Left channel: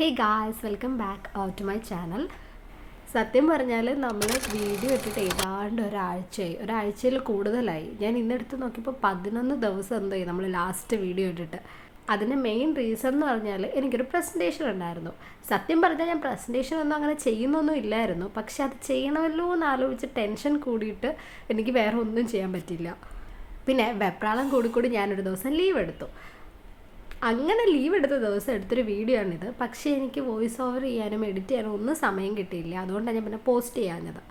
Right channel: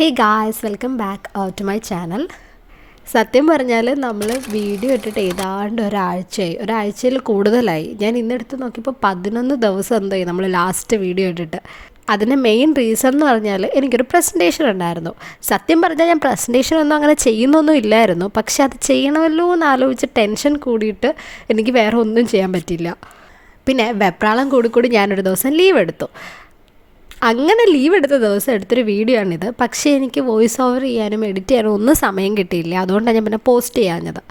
Hey guys, welcome back to my channel. സത്യം പറഞ്ഞാൽ നമ്മൾ വീഡിയോ ഇട്ടിട്ട് ഏതാണ്ട് ഒരാഴ്ചയിൽ കൂടുതലായി. ഞാൻ ഇന്നെടുത്ത് നോക്കിയപ്പോൾ 11 ദിവസം എന്തായി നമ്മൾ ലാസ്റ്റ് വീഡിയോ ഇട്ടിട്ട്. അതിന് മെയിൻ റീസൺ എന്ന് പറഞ്ഞാൽ എനിക്കൊരു പ്രസൻറ്റേഷൻ ഉണ്ടായിരുന്നു. സത്യം പറഞ്ഞാൽ ഞാൻ പ്രസൻറ്റേഷനൊന്നും അങ്ങനെ ചെയ്യുന്നൊന്നും ഇല്ലായിരുന്നു. പക്ഷെ അത് ചെയ്യണമല്ലോ എന്ന് ആലോചിച്ച് ടെൻഷൻ കൂടിയിട്ട് എനിക്ക് വേറെ ഒന്നും ചെയ്യാൻ പറ്റില്ല. പിന്നെ വെപ്രാളം കൂടി ഞാനൊരു ദിവസം ലീവ് എടുത്തു. അങ്ങനെ ലീവ് എടുത്ത ദിവസം എടുത്തൊരു വീഡിയോ ആണിത്. പക്ഷേ എനിക്ക് വോയിസ് ഓവർ ചെയ്യാനും എഡിറ്റ് ചെയ്യാനും ഒന്നും സമയം കിട്ടിയില്ല. അതുകൊണ്ടാണ് ഞാൻ പിന്നെ പോസ്റ്റ് ചെയ്യാഞ്ഞത്.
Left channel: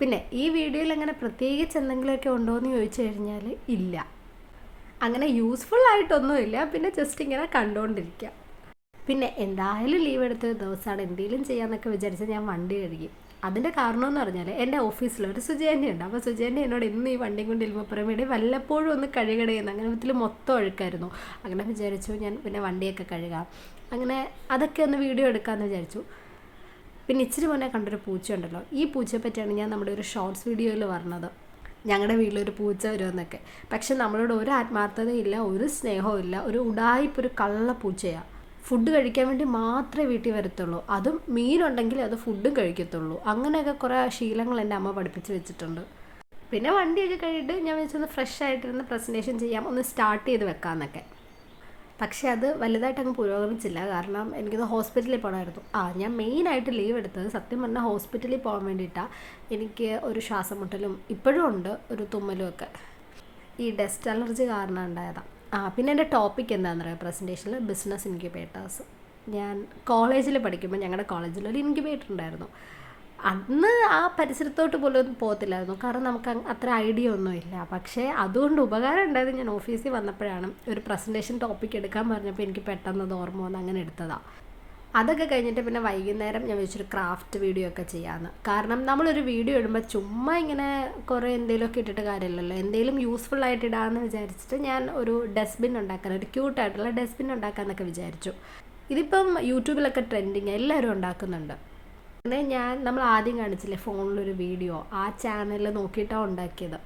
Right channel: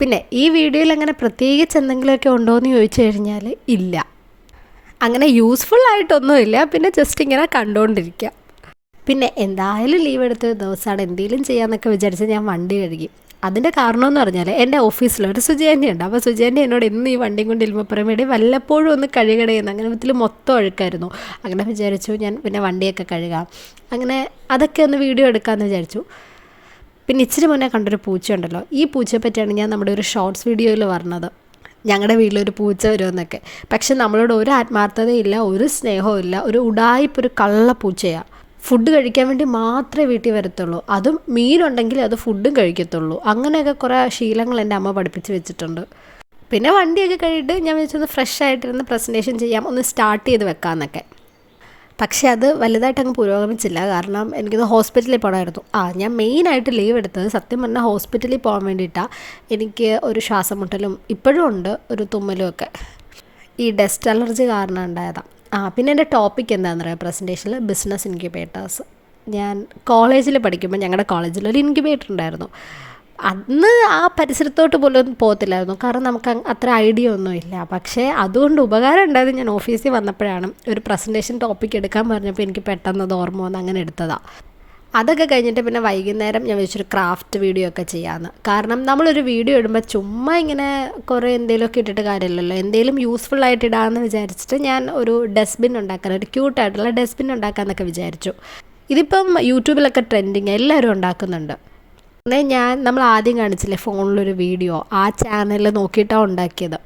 പിന്നെ ഈ വീഡിയോയിൽ അങ്ങനെ പ്രത്യേകിച്ച് എന്തെങ്കിലുമൊക്കെ ഉണ്ടോ എന്ന് ചോദിച്ചു കഴിഞ്ഞാൽ ഇല്ല, അങ്ങനെ യൂസ്ഫുൾ ആയിട്ടൊന്നുമില്ല. പിന്നെ ജസ്റ്റ് ഇങ്ങനെ കണ്ടുകൊണ്ടിരിക്കുക. പിന്നെ എന്തായാലും ലീവ് എടുത്ത ദിവസമാണ്, എന്തെങ്കിലും ചെയ്യാമെന്നൊക്കെ വിചാരിച്ച് ഞാൻ വണ്ടി കഴുകി. അതിൻ്റെ കാരണമെന്ന് പറഞ്ഞാൽ എൻ്റെ ഓഫീസിലൊരു സുജേൻ്റെ ഉണ്ട്. അപ്പോൾ സുജേൻ്റെ എന്നോട് ഇന്ന് ഈ വണ്ടിയും കൊണ്ട് ഇല്ലുമ്പോൾ പറയുമ്പോൾ വല്ലപ്പോഴും ഒന്ന് കഴുകടയെന്ന്. അങ്ങനെ ഇതിൽ മൊത്തം ഒഴുക്കായിരുന്നു. അങ്ങനെ വിചാരിച്ചു ഞാൻ പിന്നെ വണ്ടിയൊക്കെ കഴുകാം, അങ്ങനെ അതൊക്കെ ഒന്ന് വീഡിയോ എടുക്കാമെന്ന് വിചാരിച്ചു. പിന്നെ ഇച്ചിരി മുന്നേ കണ്ടൊരു പൂച്ച ഉണ്ടല്ലോ, ഈ പൂച്ചയെ പറ്റിയാണ് ഞാൻ നമ്മുടെ ഒരു ഷോർട്സ് വീഡിയോയിൽ പറഞ്ഞത്. ഞങ്ങളുടെ വീട്ടിലൊരു പൂച്ച വരുമെന്നൊക്കെ. പക്ഷെ നമ്മളോട് ഒരു ആത്മാർത്ഥതയില്ല, ഒരു സ്നേഹവും ഇല്ല. ഒരു ഉടായിപ്പൊരു കള്ള പൂച്ചയാണ്. ഫുഡ് കഴിക്കാൻ വേണ്ടി മാത്രമേ വീട്ടിൽ വരത്തുള്ളൂ. അതും മീനുണ്ടെങ്കിൽ അത് ഫുഡും കഴിക്കത്തുള്ളൂ. അങ്ങനെയൊക്കെ കുറേ ശീലങ്ങൾ എൻ്റെ അമ്മ പഠിപ്പിച്ച് വെച്ചിട്ടുണ്ട്. പിന്നെ വണ്ടിയൊക്കെ കഴിഞ്ഞിട്ട് ഞാൻ വെച്ചൊന്ന് ഫ്രഷ് ആയിട്ടിരുന്ന് പ്രസൻറ്റേഷൻ ചെയ്യാം, ഒന്ന് സ്റ്റാർട്ട് ചെയ്ത് വെക്കാമെന്നൊക്കെ. പക്ഷേ അത് വലുതായിട്ട് അങ്ങ് പുരോഗമിച്ചില്ല. കാരണം എനിക്കിത് ഹോസ്പിറ്റലിൽ പോകണമായിരുന്നു. ഞാൻ മെയിനായിട്ട് ലീവ് എടുത്തത് സത്യം പറഞ്ഞാൽ ഹോസ്പിറ്റലിൽ പോകാൻ വേണ്ടിയിട്ടാണ്. എനിക്ക് ഒരു ശ്വാസം മുട്ടലും ഇപ്പോഴും ഉണ്ട്, ഒരു തുമ്മലും ഒക്കെ. ഈ ഡസ്റ്റ് അലർജി കാരണം ഉണ്ടായതാണ്. പിന്നെ എൻ്റെ ടോപ്പിക് എന്താണെന്ന് പറയുക പ്രസൻറ്റേഷനിൽ ബിസിനസ് ഇൻക്യുബേറ്റേഴ്സ്. ഞാൻ കോളേജിൽ പഠിക്കുമ്പോൾ ഞങ്ങളുടെ കോളേജിൽ ഒരു ഇൻക്യുബേറ്റർ ഉണ്ടായിരുന്നു. അന്ന് ആ പരിസരത്തോട്ട് പോലും പോകത്തില്ലായിരുന്നു, കാരണം നമുക്ക് അത്ര ഐഡിയ ഒന്നുമില്ല. പക്ഷേ അതുകൊണ്ട് ഉപകാരം ഉണ്ടായത് ഞാൻ ഓഫീസിൽ വന്നപ്പോഴാണ്. ഒരു പ്രസൻറ്റേഷൻ ടോപ്പിക് എടുക്കാൻ പറഞ്ഞപ്പോൾ എനിക്ക് പെട്ടെന്ന് അത് ഓർമ്മ വന്ന് അങ്ങനെ എടുത്തതാണ്. അതൊക്കെ കഴിഞ്ഞിട്ട് പിന്നെ വൈകുന്നേരം ഞാൻ വെച്ചൊരു ക്രാഫ്റ്റ് വീഡിയോ ഒക്കെ ചെയ്യാമെന്ന്. കാരണം നമ്മളൊരു വീഡിയോ ഇടുമ്പോൾ ചുമ്മാ ഇങ്ങനെ കുറേ എന്തെങ്കിലുമൊക്കെ ഇട്ടിട്ട് കാര്യമില്ലല്ലോ, എന്തെങ്കിലും യൂസ്ഫുൾ ആയിട്ട് ഇടാമെന്ന് വിചാരിച്ചിട്ട് ഞാൻ ഒരു ഡസ്റ്റ്ബിൻ ഉണ്ടാക്കാൻ, ഒരു ക്യൂട്ടായിട്ടുള്ള ഡസ്റ്റ്ബിൻ ഉണ്ടാക്കാമെന്നൊക്കെ വിചാരിച്ചു. ഇതിപ്പം യൂട്യൂബിലൊക്കെ ട്രെൻഡിങ്, എല്ലാവരും ഉണ്ടാക്കുന്നുണ്ട്. പിന്നെ നമ്മൾ ആദ്യം കാണിച്ചില്ലേ ഫോണിലൊരു വീഡിയോ, ആ ചാനലിൽ നോക്കിയിട്ടാണ് ഉണ്ടാക്കിയത്.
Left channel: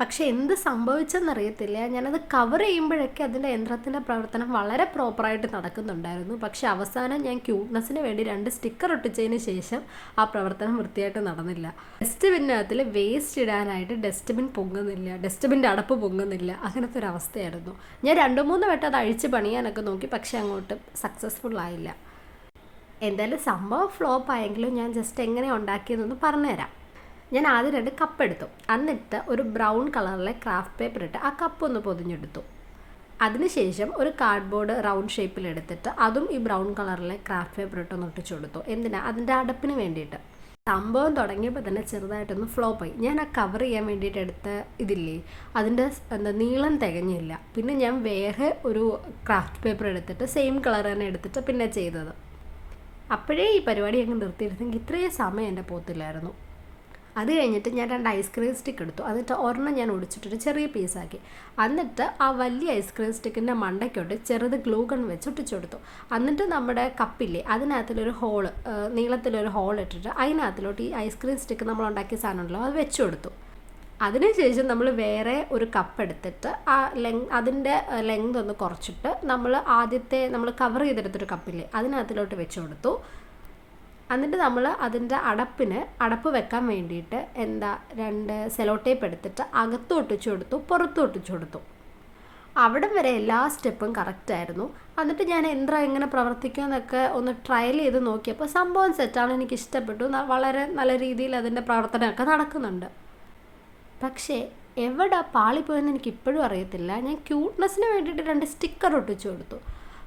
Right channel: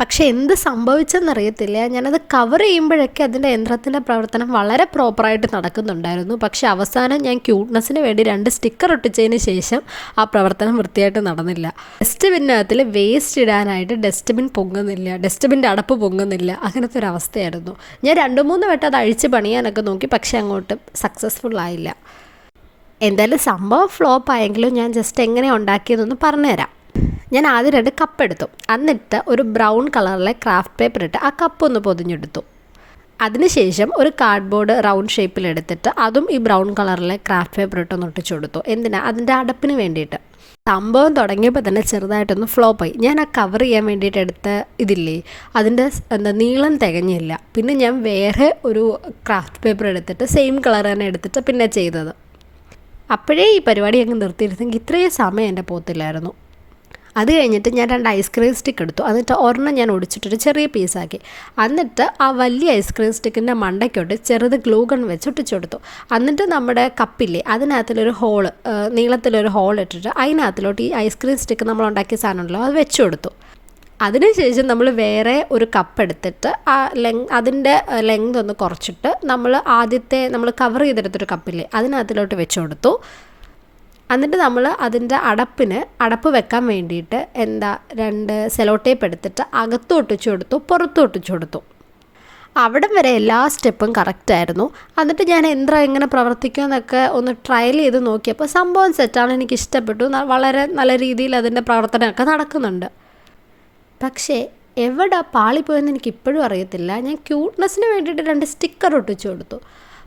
പക്ഷേ എന്ത് സംഭവിച്ചെന്നറിയത്തില്ല, ഞാനത് കവർ ചെയ്യുമ്പോഴൊക്കെ അതിൻ്റെ യന്ത്രത്തിൻ്റെ പ്രവർത്തനം വളരെ പ്രോപ്പറായിട്ട് നടക്കുന്നുണ്ടായിരുന്നു. പക്ഷേ അവസാനം ഞാൻ ക്യൂട്ട്നെസ്സിന് വേണ്ടി 2 സ്റ്റിക്കർ ഒട്ടിച്ചതിന് ശേഷം ആ പ്രവർത്തനം വൃത്തിയായിട്ട് നടന്നില്ല. ഡസ്റ്റ്ബിന്നകത്തിൽ വേസ്റ്റ് ഇടാനായിട്ട് ഡസ്റ്റ്ബിൻ പൊങ്ങുന്നില്ല, ഡസ്റ്റ്ബിൻ്റെ അടപ്പ് പൊങ്ങുന്നില്ല, അങ്ങനത്തെ ഒരു അവസ്ഥയായിരുന്നു. ഞാൻ 2-3 വട്ടം അത് അഴിച്ച് പണിയാനൊക്കെ നോക്കി, പക്ഷേ അങ്ങോട്ട് സക്സസ്ഫുൾ ആയില്ല. എന്തായാലും സംഭവം ഫ്ലോപ്പ് ആയെങ്കിലും ഞാൻ ജസ്റ്റ് എങ്ങനെ ഉണ്ടാക്കിയതെന്ന് പറഞ്ഞുതരാം. ഞാൻ ആദ്യം 2 കപ്പ് എടുത്തു. എന്നിട്ട് ഒരു ബ്രൗൺ കളറിലെ ക്രാഫ്റ്റ് പേപ്പർ ഇട്ട് ആ കപ്പ് ഒന്ന് പൊതിഞ്ഞെടുത്തു. അതിനുശേഷം ഒരു കാർഡ്ബോർഡ് റൗണ്ട് ഷേപ്പിലെടുത്തിട്ട് അതും ഈ ബ്രൗൺ കളറിലെ ക്രാഫ്റ്റ് പേപ്പർ ഇട്ടൊന്ന് ഒട്ടിച്ചു കൊടുത്തു. എന്തിനാ? അതിൻ്റെ അടപ്പിന് വേണ്ടിയിട്ട്. സംഭവം തുടങ്ങിയപ്പോൾ തന്നെ ചെറുതായിട്ടൊന്ന് ഫ്ലോപ്പായി. ഞാൻ ആ കവർ ചെയ്യാൻ വേണ്ടിയിട്ട് എടുത്ത ഇതില്ലേ, അതിൻ്റെ നീളം തികഞ്ഞില്ല. പിന്നെ ഞാൻ വേറെ ഒരു ക്രാഫ്റ്റ് പേപ്പർ എടുത്തിട്ട് സെയിം കളർ തന്നെ എടുത്തിട്ട് പിന്നെ ചെയ്തത്. അപ്പോഴേ ഈ പരിപാടി അങ്ങ് നിർത്തിയിരുന്നെങ്കിൽ ഇത്രയും സമയം എൻ്റെ പോത്തില്ലായിരുന്നു. അത് കഴിഞ്ഞിട്ട് ഞാൻ 2 ഐസ്ക്രീം സ്റ്റിക്ക് എടുത്തു. എന്നിട്ട് ഒരെണ്ണം ഞാൻ ഒടിച്ചിട്ടൊരു ചെറിയ പീസാക്കി. എന്നിട്ട് ആ വലിയ ഐസ്ക്രീം സ്റ്റിക്കിൻ്റെ മണ്ടയ്ക്കോട്ട് ചെറുത് ഗ്ലൂ ഗൺ വെച്ച് ഒട്ടിച്ചു കൊടുത്തു. എന്നിട്ട് നമ്മുടെ കപ്പില്ലേ, അതിനകത്തിലൊരു ഹോള്, നീളത്തിലൊരു ഹോൾ ഇട്ടിട്ട് അതിനകത്തിലോട്ട് ഈ ഐസ്ക്രീം സ്റ്റിക്ക് നമ്മൾ ഉണ്ടാക്കിയ സാധനമുണ്ടല്ലോ അത് വെച്ച് കൊടുത്തു. അതിനുശേഷം നമ്മൾ വേറെ ഒരു കപ്പ് എടുത്തിട്ട് അതിൻ്റെ ലെങ്ത് ഒന്ന് കുറച്ചിട്ട് നമ്മൾ കവർ ചെയ്തെടുത്തൊരു കപ്പില്ലേ അതിനകത്തിലോട്ട് വെച്ച് കൊടുത്തു. എന്നിട്ട് നമ്മൾ അതിൻ്റെ അടപ്പ് വെക്കാൻ വേണ്ടിയിട്ട് 2 സെലോ ടേപ്പ് എടുത്തിട്ട് അകത്തും ഒട്ടിച്ചു കൊടുത്തു, പുറത്തും ഒട്ടിച്ചു കൊടുത്തു. അവിടം വരെ എല്ലാ സ്റ്റെപ്പും കറക്റ്റായിരുന്നു. എന്നിട്ട് ഞാൻ യന്ത്രം എങ്ങനെ പ്രവർത്തിക്കുമെന്നൊക്കെ ഒന്ന് ട്രയൽ ചെയ്ത് നോക്കിയപ്പോൾ സംഭവം സെറ്റാണ്, എനിക്ക് ഇഷ്ടപ്പെട്ടു. വളരെ നല്ല രീതിയിൽ അതിൻ്റെ പ്രവർത്തനമൊക്കെ നടക്കുന്നുണ്ട്. പക്ഷേ എവിടെ പാളിപ്പോയെന്ന് എനിക്ക് ഇപ്പോഴും അറിയത്തില്ല. ഞാൻ ക്യൂട്ട്നെസ്സിന് വേണ്ടിയിട്ട് 2 സ്റ്റിക്കർ ഒട്ടിച്ചു കൊടുത്തു.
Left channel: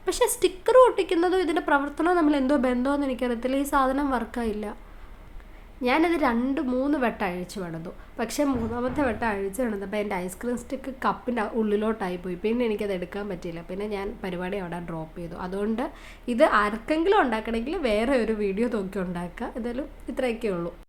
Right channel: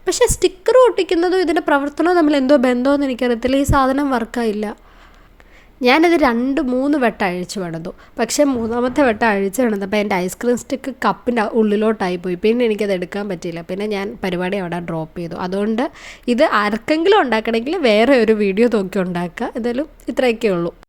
പക്ഷേ സ്റ്റിക്കർ ഒട്ടിക്കുന്നതും ഇതിൻ്റെ പ്രവർത്തനവും തമ്മിൽ എന്തോ ബന്ധമെന്ന് എനിക്കറിയത്തില്ല. ഈ സാധനം വർക്കായില്ല. ഞാനത് 2-3 വട്ടം അഴിച്ചു വേണതു. പക്ഷേ 3ാമത്തെ വട്ടം അഴിച്ചു വേണതപ്പോൾ എൻ്റെ ഐസ്ക്രീം സ്റ്റിക്ക് കപ്പിൻ്റെ ഉള്ളിലോട്ടായി പോയി. പിന്നെ എനിക്കത് എടുക്കാൻ പറ്റിയില്ല. പിന്നെ ഞാൻ പരിപാടി അവിടെ ഡ്രോപ്പ് ചെയ്തു. അതുകൊണ്ട് ഇത് ആർക്കെങ്കിലും ഉണ്ടാക്കണമെങ്കിൽ വേറെ ഒരു വീഡിയോ നോക്കി ഉണ്ടാക്കുക. എന്തായാലും ഇത്രയൊക്കെ ഉള്ളൂ.